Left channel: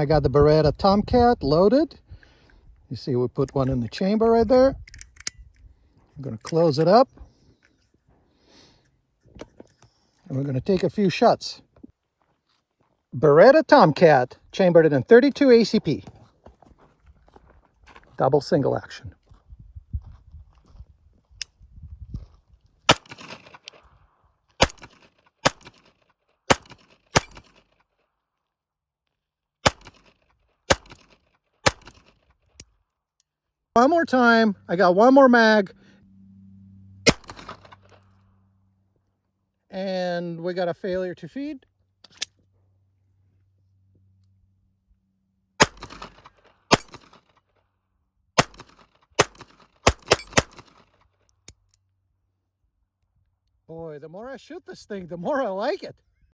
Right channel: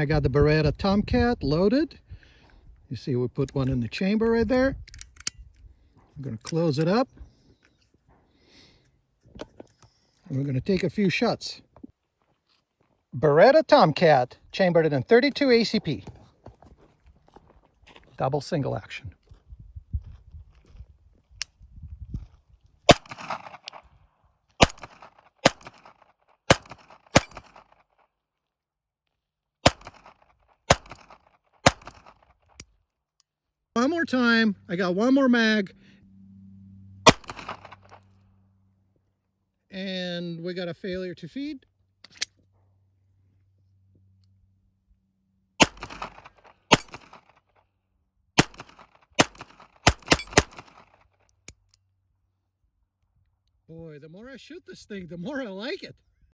I got the Beretta Tomcat loaded. You see we put one in the chamber right there. I'm going to close it up. And we're going to take a few shots. Beretta Tomcat, chambered in 32 ACP. Double single action. One more time. I got one more mag. And we got a failure to feed. Boy, the more I shoot this thing, the more I like it.